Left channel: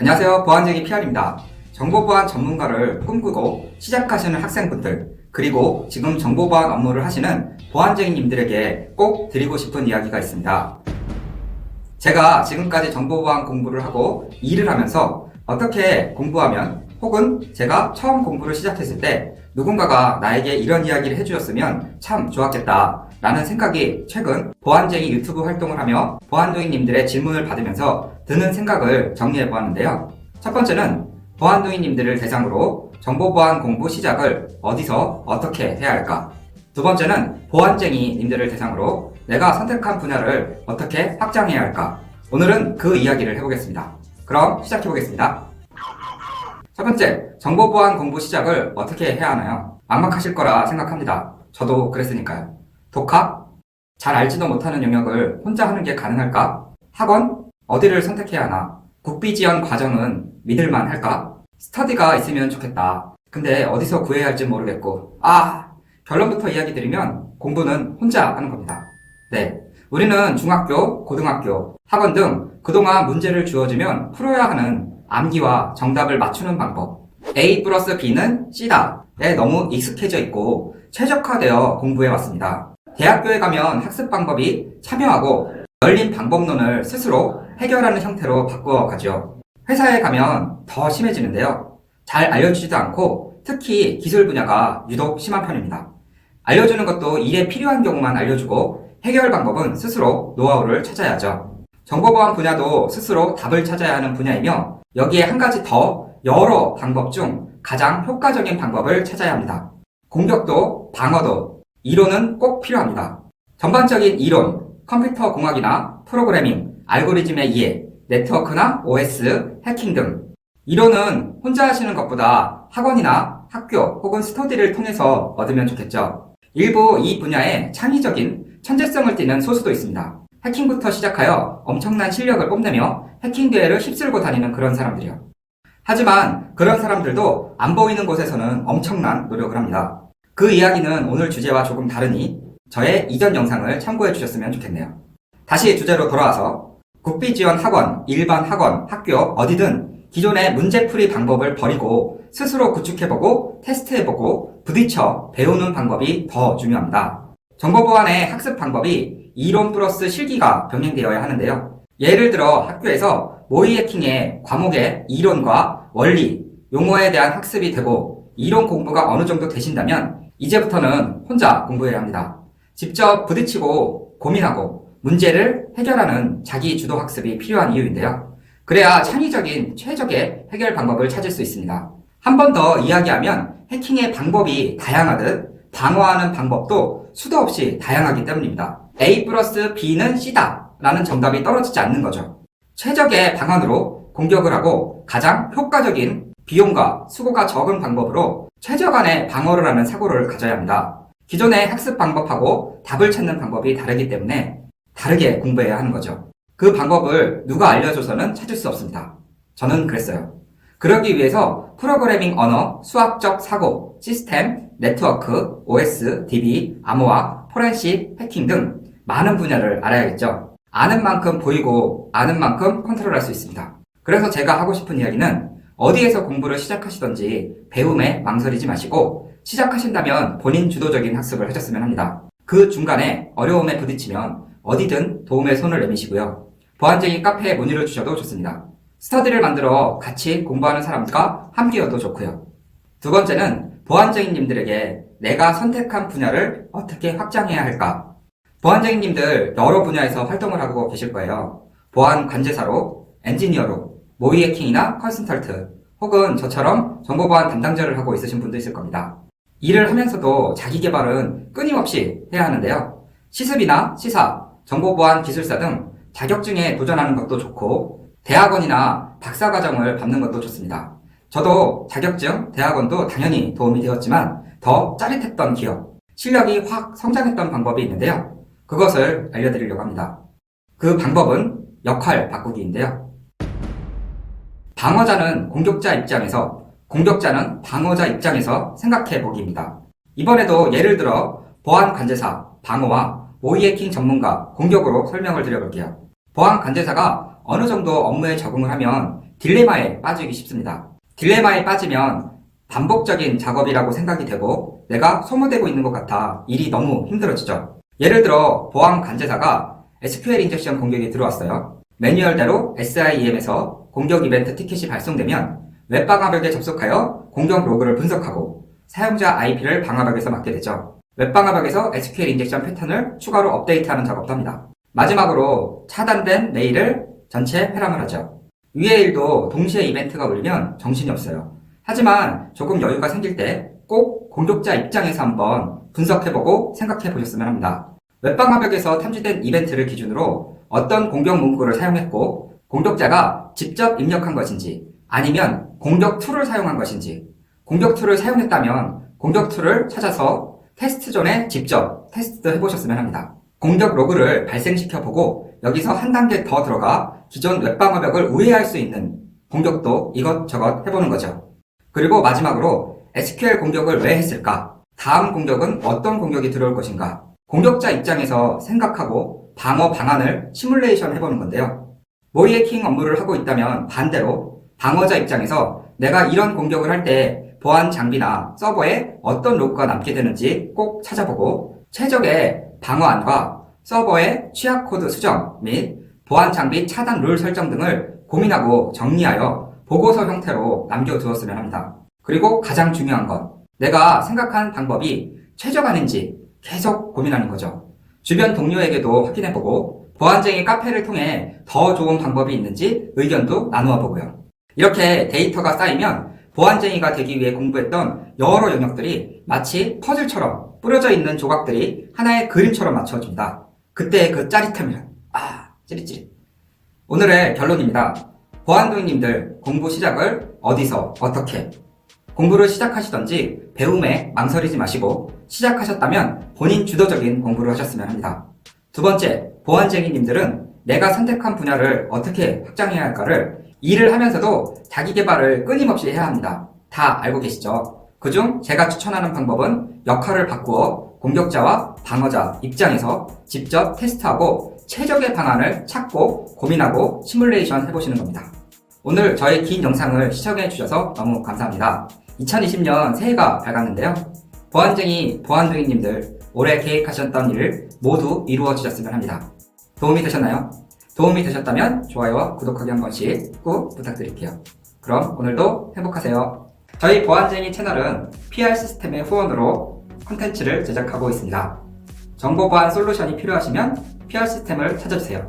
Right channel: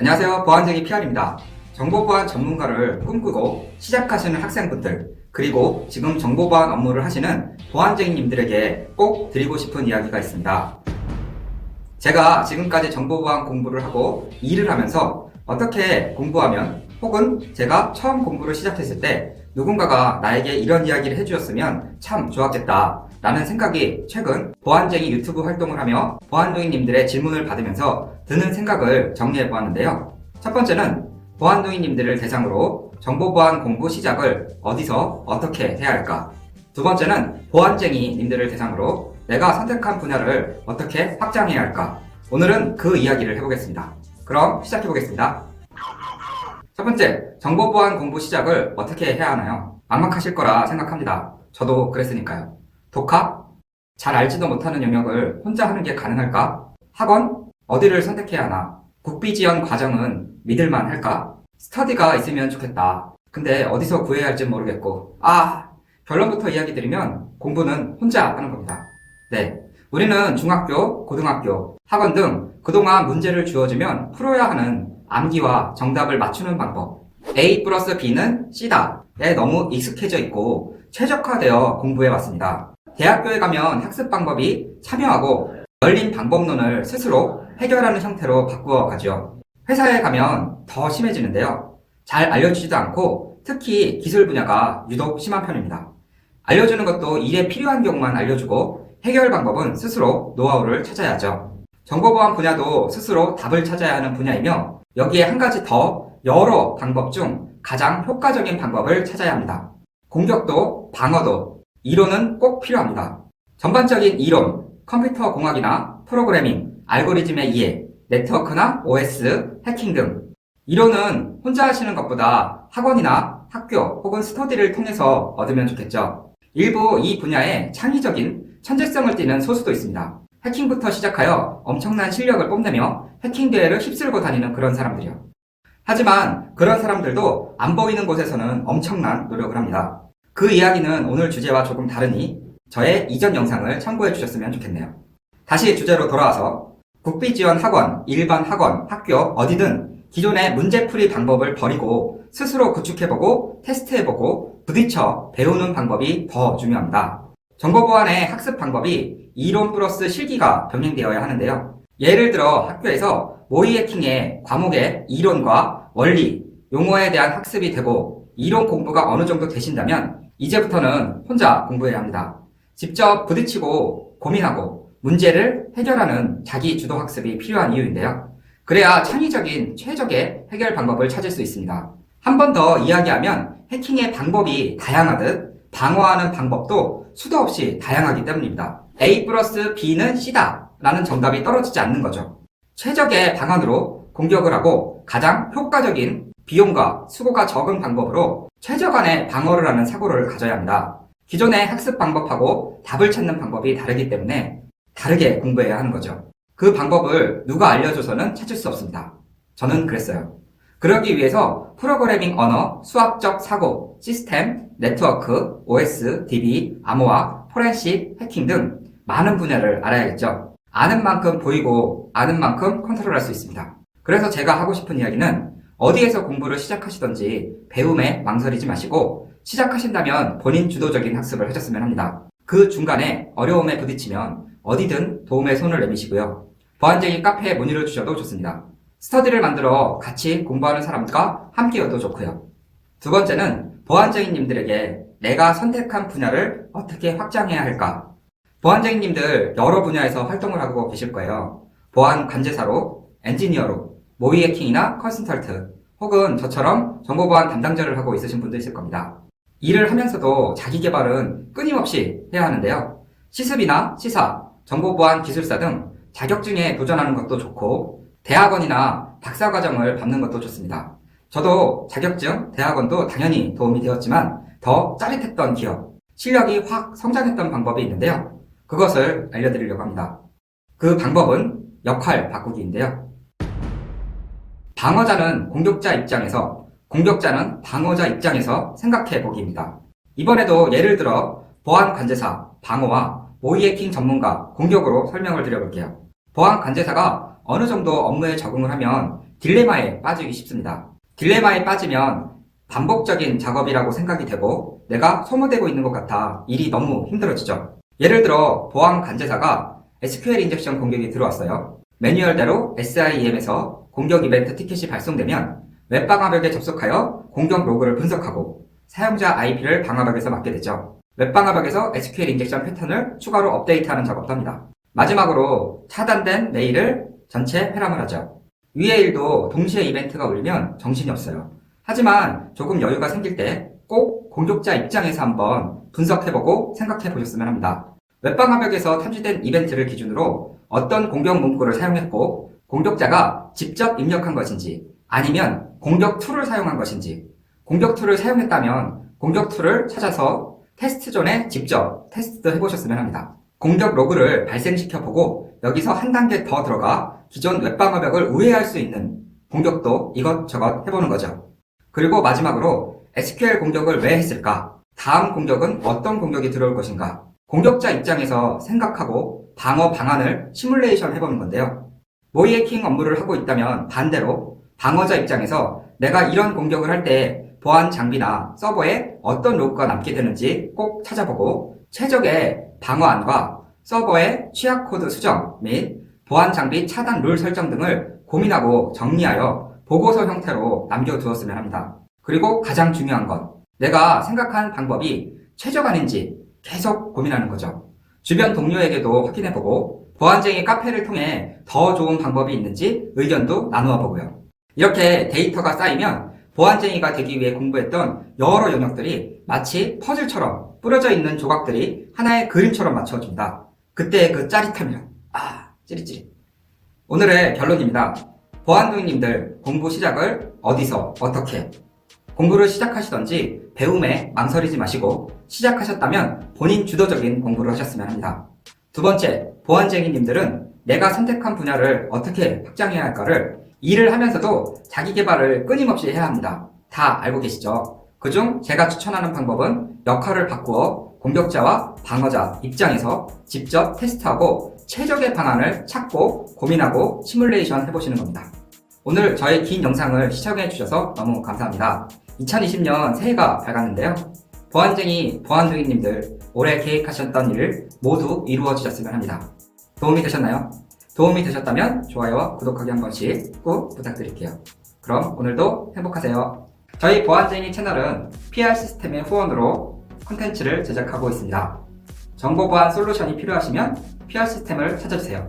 안녕하세요. 보안쟁이 PR입니다. 정보보안 전문가를 꿈꾸고 시작하시는 학생분들, 그리고 지금 정보보안 업무를 하시는 보안쟁이님들에게 꼭 드리고 싶은 이야기가 있습니다. 제가 지금까지 정보보안 공부를 하고 일을 하면서 어떻게 공부하면, 혹은 제가 처음 공부를 시작했을 때 누군가가 나에게 이런 이야기를 해주셨으면 참 좋았겠다 라는 생각이 최근 보안쟁이 유튜브 활동을 하며 보안도인님들의 질문을 받으면서 드는 생각을 정리해 보았는데요. 첫 번째는 보안도인님들을 대상으로 정보보안 공부 시작을 어디서 어떻게 해야 할까? 두 번째는 보안쟁이님들을 대상으로 내가 선택한 분야를 어떻게 확장해야 할까? 오늘은 그 이야기를 해보겠습니다. 그럼 시작해 보겠습니다. 첫 번째, 정보보안 공부 시작을 어떻게 해야 하나요? 막막하실 거라 생각합니다. 저도 그랬으니까요. 독학? 잘 알지도 못하는 영역을 혼자 하는 게 가능할까? 학원? 어디를 선택해야 하나? 국비지원 과정은 믿을만 할까? 스터디가 있으면 좋겠다. 근데 어디서 구해야 할지 모르겠고. 결론부터 이야기 드리면 공부는 혼자 하는 겁니다. 네, 우리는 중학교, 고등학교, 학원 등 그동안 문제를 주어지면 풀어야 하는 암기와 정답을 맞추는 방법, A 플러스 B는 C다에 너무 익숙해져 있고 최적화되어 공부해왔습니다. 대학교에 가면 학습 방법이 참여하고 열린 방법론을 스스로 해결하는 형태로 바꾸어가죠. 회사에 가면 더 심해지는데요. 잘 알려주지도 않고 특히 기술 분야가 유독 심한 편입니다. 알려주는 것도 일에 필요한 경우만 알려주고 해결 방법은 스스로 노하우를 찾아야죠. 정보보안 분야도 스스로 답을 찾아야 하는 분야이며 여기에 한 가지 더 여러 방법 중 가장 효과적인 방법을 찾아야 합니다. 공격도 방어도 이론은 꼭 필요합니다. 전반적인 이론, 컴퓨터 공학이나 프로그래밍, 알고리즘의 이해, 네트워크나 OS, 해킹 등 이론은 혼자 하시는 것보다 학원이나 학교 혹은 스터디를 통해서 얻으면 좋겠죠. 일부 이 분야에 창의적인 천재성을 띠는 소수도 있습니다. 해킹부터 시작하여 엄청난 실력을 뽐내며 해킹 대회를 휩쓸고 다니는 그런 사람들이요. 하지만 그런 사람들도 안 보이는 곳에서는 엄청난 노력을 합니다. 그 이야기는 오늘 주제와 조금 다르니 저의 이전 영상을 참고해 주셨으면 좋겠네요. 다시 주제로 돌아와서 국비지원 학원, 일반 학원, 학교 어디든 기존의 문제풀이 방법을 버리고 스스로 구축해보고 테스트해보고 부딪혀 배우는 방법이 더 중요합니다. 정보보안의 학습 방법이 이론 플러스 실기가 병행되어야 하는데요. 예를 들어 학교에서 모의 해킹의 과목의 이론과 원리, 용어에 대한 학습이 되고 이론 공부가 어느 정도 되신다면 이제부터는 혼자 공부해야 합니다. 직접 부딪히고 고민하고 문제를 해결하는 자기 주도 학습이 필요한 이유인데요. 그래야 창의적인 최적의 해결 방법을 찾을 수 있습니다. 한 번 더 이야기하면 해킹의 방법이 다양하듯 방어하는 방법도 수도 없이 다양하기 때문입니다. A 플러스 B는 C다 라는 정답이 떨어지지 않는 거죠. 최적의 방안으로 공격을 하고 가장 효과적인 비용과 수고가 적은 방법으로 최저간의 방어를 하는 사고를 가져야 합니다. 기존의 학습 방법하고 답을 찾는 방법이 다르기 때문에 다르게 공부해야 하는 거죠. 그 방법을 누가 알려줘서는 찾을 수 없습니다. 저는 그랬어요. 그러기 위해서 프로그래밍 언어, 수학적 사고, 시스템, 네트워크, OS, DB, 암호화, 포렌식, 해킹 등 많은 분야를 알아야겠죠. 아는 만큼 보이고 아는 만큼 컨트롤할 수 있습니다. 그래서 제가 하고 싶은 이야기는 어디에서 공부를 시작하시던지 배움에 망설이지 마시고 시작하신다면 본인 주도적인 학습을 하셨으면 합니다. 그 중간에 어려움에 부딪히면 어디든 도움의 손을 내미시고요. 보안쟁이 카페에 문의를 주셔도 좋습니다. 스터디를 만들어 같이 공부하는 사람과 함께여도 좋고요. 두 번째는 보안쟁이님들에게 내가 선택한 분야를 어떻게 확장해야 할까? 보안쟁이님들 여러 분야에서 활동을 하고 계실 거예요. 보안 관제사로, 엔지니어로, 모의 해킹이나 컨설턴트, 혹은 저처럼 정보보안 담당자를 하고 있으신 분도 있을 겁니다. 일을 하면서도 자기 개발은 끊임없이 해야 하는데요. 시습이나 시사, 정보보안 기술사 등 자격증에 도전하는 것도 좋고 대학원이나 박사과정을 받는 것도 좋습니다. 저도 자격증, 대학원도 당연히 도움이 되었지만 더 짜릿했던 기억, 실력이 확 성장했던 방법이 있는데요. 그것을 알려드리려고 합니다. 그 방법은 역할 바꾸기인데요. 방어자는 공격자 입장에서, 공격자는 방어자 입장에서 생각해 보기입니다. 이번에도 예를 들어 보안 관제사, 방어와 모의 해킹 전문가, 공격으로 설명을 드려볼게요. 보안 관제사가 어느 정도 업무에 적응을 하면 딜레마에 빠지기 쉽습니다. 딜레마에 빠지면 반복적인 작업이라고 생각이 되고 내가 소모되고 있는 것 같아 일이 너무 힘들어지죠. 예를 들어 보안 관제사가 SQL 인젝션 공격이 들어왔어요. 매뉴얼대로 SIEM에서 공격 이벤트 티켓이 발송되면 웹방화벽에 접속하여 공격 로그를 분석하고 사용자 IP를 방화벽에서 맡게 되죠. 웹방화벽에서 SQL 인젝션 패턴을 추가로 업데이트하는 작업도 합니다. 마지막으로 차단된 메일을 전체 회람을 하죠. 위의 일도 동시에 이벤트가 울리면 정신이 없어요. 하지만 조금 여유가 생길 때 꼭 공격자 입장에서 한번 분석해보고 생각해보셨으면 합니다. 웹방화벽에서 탐지된 이벤트를 기준으로 어떤 공격 문구를 사용했고 공격자가 직접 입력한 것인지 아니면 공격 툴을 사용한 것인지, 공격 툴을 사용했다면 공격 툴을 찾아서 테스트 전에 직접 테스트 해보셨으면 합니다. 공격 로그를 발생시켜보고 여기서 한 단계 더 들어가 기존 웹방화벽을 우회할 수 있는 공격도 이것저것 해보는 거죠. 그리고 마지막으로 SQL 공격을 왜 했을까? 다음 공격은 어떤 공격이 들어올 것인가? 공격자 입장에서 생각하고 방어 방안을 시뮬레이션 해보는 건데요. 모의 해킹 업무를 하고 있다면 반대로 방어자 입장에서 내가 이런 공격을 할 때 보안 장비나 서버에 어떤 로그가 남게 되는지 꼭 찾아보고 최적의 방어안과 서버의 취약 코드 수정 및 보안 장비 차단 룰 설정 등을 고민하고 정리하여 보고서 형태로 남겨두었으면 합니다. 그리고 가장 중요한 것, 내가 생각한 방법이 최적화인지 계속 고민하는 거죠. 주변 동료에게도 확인해보고 보안쟁이 카페를 통해 더 좋은 방법이 있는지 의견도 나누어 보고요. 이렇게 데이터가 쌓이면 보안쟁이가 되기 위해 공부했던 여러 영역들이 마치 퍼즐처럼 뿌려져 있는 조각들이 하나의 그림처럼 맞춰준다. 그때의 그 짜릿함이란 찌릿찌릿. 오늘의 결론입니다. 보안도인님들 공부 시작을 어디서 어떻게 공부를 시작하시던지 배움에 망설이지 마시고 시작하셨다면 본인 주도적인 공부를 하셨으면 합니다. 두 번째, 보안쟁이님들은 내가 선택한 분야를 어떻게 확장해야 할까를 일을 하면서도 자기 개발을 끊임없이 해야 합니다. 다 알고 계시죠? 그중 제가 추천하는 방법은 역할을 바꾸어 공격자와 방어자 입장에서 직접 테스트하고 최적의 방안을 찾고 고민하고 시뮬레이션 해보시는 겁니다. 오늘 저의 긴 영상을 시청해 주셔서 너무 감사합니다. 2020년 새해가 밝았는데요. 보안쟁이, 보안도인님들 올해 계획하셨던 일을 모두 이루어 주셨으면 합니다. 도움이 되셨나요? 도움이 되셨다면 좋아요와 구독하기 한 번씩 꼭 부탁드릴게요. 그럼 오늘도 행복하세요. 저희 보안쟁이 채널은 PR 시스템의 후원으로 콘텐츠를 제작하고 있습니다. 정보보안 솔루션이 필요하시면 PR 시스템을 찾아주세요.